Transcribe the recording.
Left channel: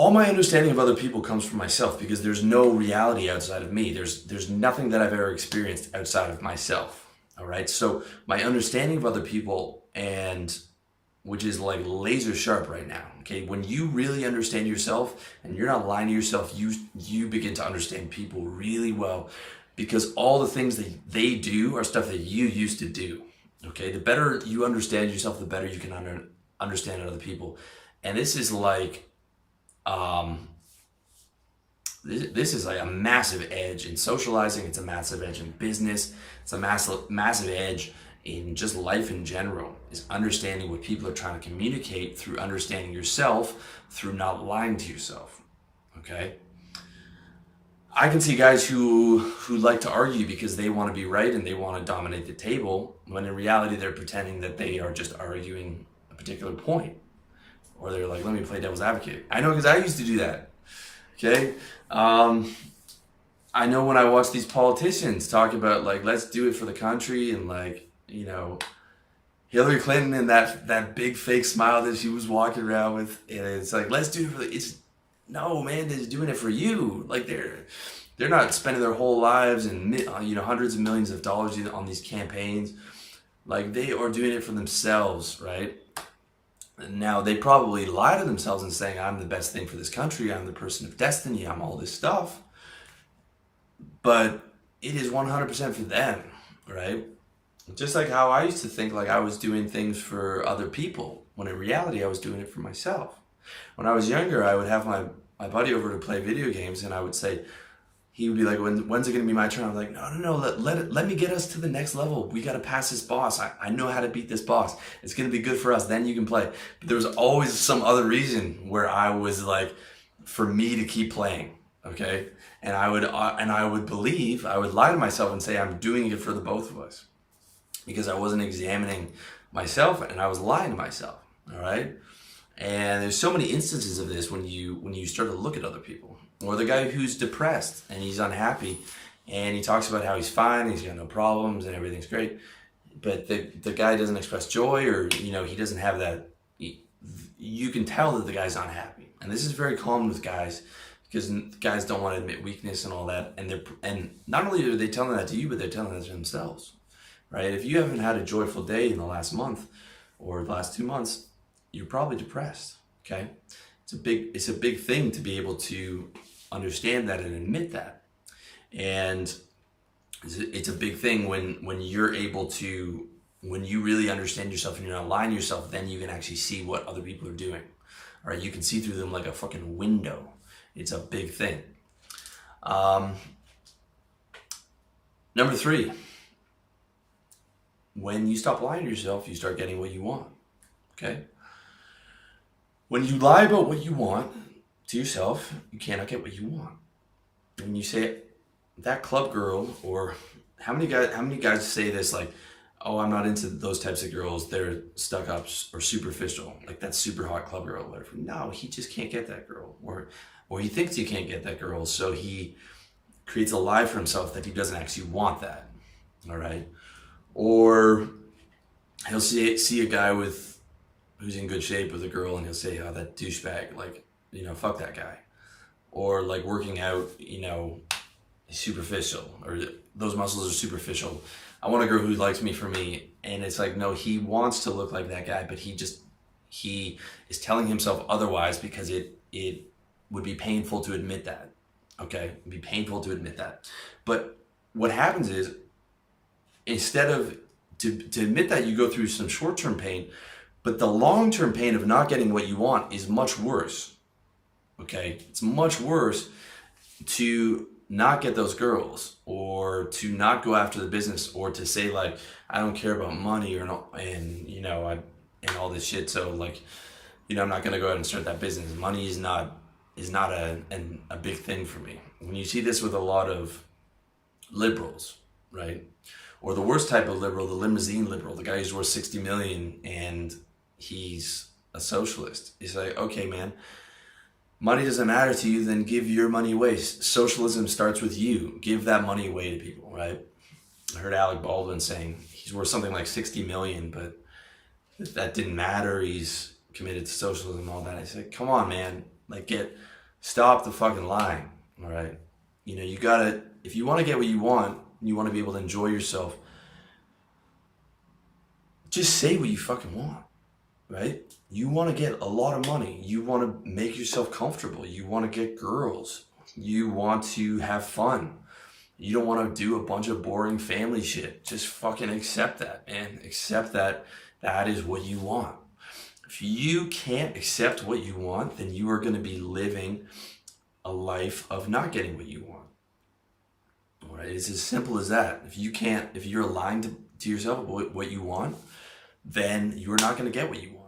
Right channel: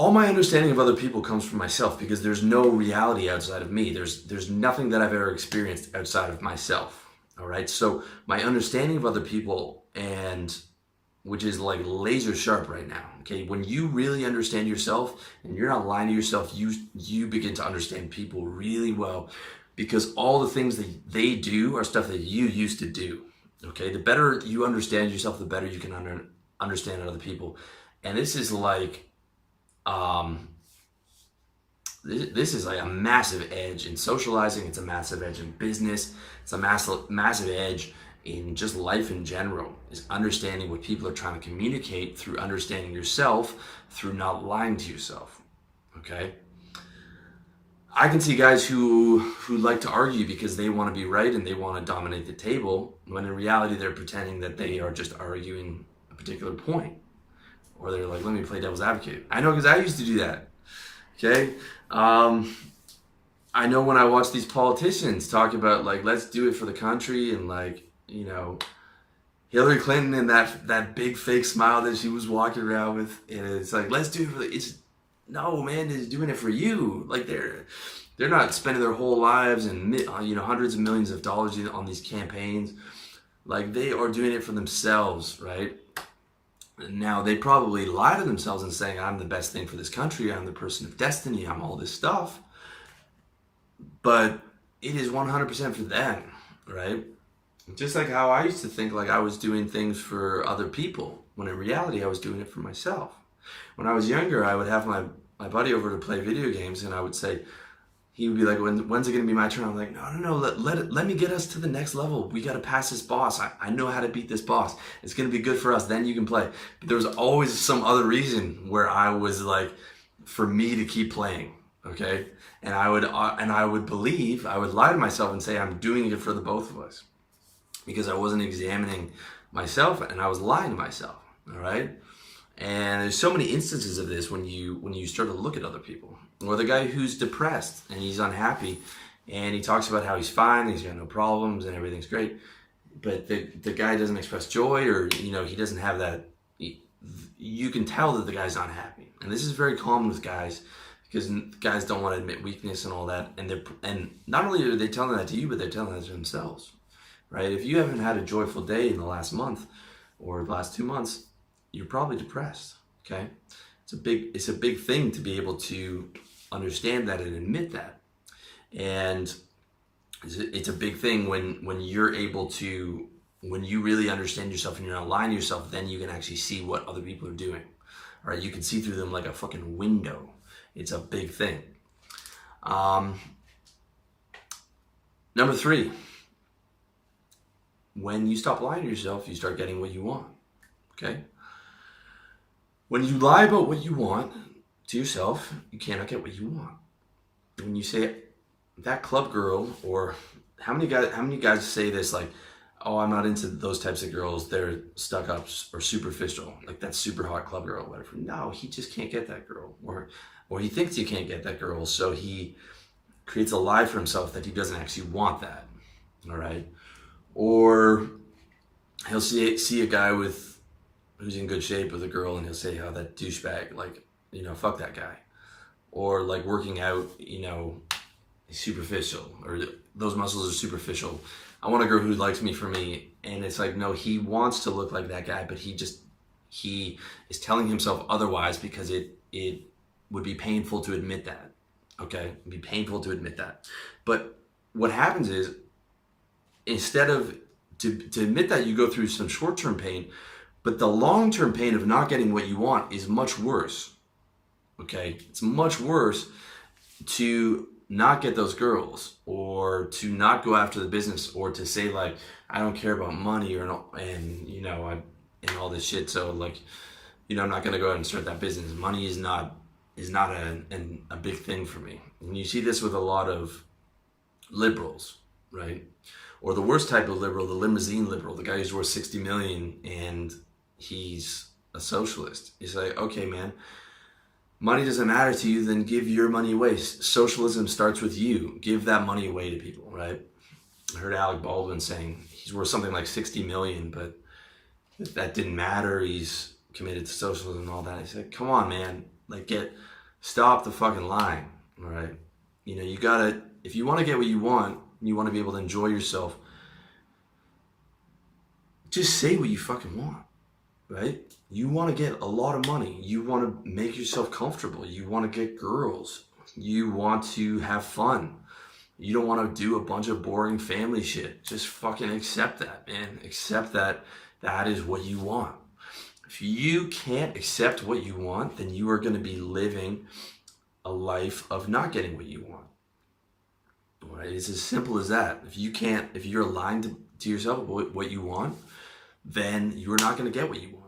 all my understanding of other people comes from myself, because there's no reality outside of me. There's nothing that I've ever experienced outside of myself. All right. So my understanding of other people, and which is like laser sharp right now. Okay. When you really understand yourself and you're not lying to yourself, you begin to understand people really well, because all the things that they do are stuff that you used to do. Okay. The better you understand yourself, the better you can understand other people. And this is like, this is like a massive edge in socializing. It's a massive edge in business. It's a massive edge in just life in general, is understanding what people are trying to communicate through understanding yourself, through not lying to yourself. Okay. I can see guys who like to argue because they want to be right and they want to dominate the table, when in reality they're pretending that they are just arguing a particular point. Or they're like, let me play devil's advocate. I know, because I used to do that. Okay. I know when I watch these politicians talk about like, let's do it for the country, and like, you know, Hillary Clinton and that big fake smile that she was walking around with, and it's like, let's do it for no, man, they're doing it for you. Like they're not spending their whole lives and hundreds of millions of dollars on these campaigns. Like, they are doing it for themselves, right? Now, they probably lie to themselves and saying, I'm the best thing for this country, I'm the person of destiny, I'm all this stuff. But it is 100% for them, right? Just like how I used to think like I was doing things for other people, when in reality I was doing it for myself. When I was younger, I would have my buddy over to play video games, and I would say, he would be like, when's it going to be my turn? I'm like, no, let me get us to the next level. We got to pass this boss. I know how to beat this boss. It's going to be good for us. Then you can play. But there was always some other reason where I was like, for me to keep playing, okay? And I would lie to myself and say I'm doing it for the both of us, because I wasn't examining myself and I was lying to myself, all right? And there's so many instances of this when you start to look at other people. Or the guy who's depressed and he's unhappy, and he talks about how he's fine, he's got no problems and everything's great, but the guy doesn't express joy, or he doesn't have that. You can tell that the guy's not happy, and this is very common with guys, because guys don't want to admit weakness and all that, and not only are they telling that to you, but they're telling that to themselves, right? If you haven't had a joyful day in the last month or the last 2 months, you're probably depressed. Okay, it's a big thing to be able to understand that and admit that, and it's a big thing when you're able to, when you really understand yourself and you're not lying to yourself, then you can actually see what other people are doing. All right, you can see through them like a fucking window. It's a big thing. Number 3, when you stop lying to yourself, you start getting what you want. Okay. When you lie about what you want to yourself, you cannot get what you want. When you say that club girl, or how many guys say this, like, oh, I'm not into those types of girls, they're stuck up or superficial, like that super hot club girl, whatever. No, he just can't get that girl, or he thinks he can't get that girl, so he creates a lie for himself that he doesn't actually want that. All right. Or he'll see a guy who's in good shape with a girl, and he'll say, oh, that douchebag, like, fuck that guy. Or like working out, he's superficial, or those muscles are superficial. I want a girl who likes me for me. And it's like, no, he wants to look like that guy, but he is telling himself otherwise, because it would be painful to admit that. Okay. It'd be painful to admit that. But what happens is, instead of to admit that, you go through some short-term pain, but the long-term pain of not getting what you want is much worse. Okay? It's much worse to not get those girls, or to not go after the business, or to say like, I don't care about money, and all this shit. So like, I'm not going to go out and start that business. Money is not a big thing for me. When you see this with a lot of liberals, right? Or the worst type of liberal, the limousine liberal, the guy who's worth 60 million and he's a socialist. He's like, okay, man, money doesn't matter to you, then give your money away. Socialism starts with you. Give that money away to people, right? I heard Alec Baldwin saying he's worth something like 60 million, but that didn't matter. He's committed to socialism and all that. I said, come on, man. Like stop the fucking lying. All right. You know, you gotta, if you want to get what you want, you want to be able to enjoy yourself, just say what you fucking want, right? You want to get a lot of money. You want to make yourself comfortable. You want to get girls. You want to have fun. You don't want to do a bunch of boring family shit. Just fucking accept that, man. Accept that that is what you want. If you can't accept what you want, then you are going to be living a life of not getting what you want. All right? It's as simple as that. If you're lying to yourself about what you want, then you're not going to get what you want.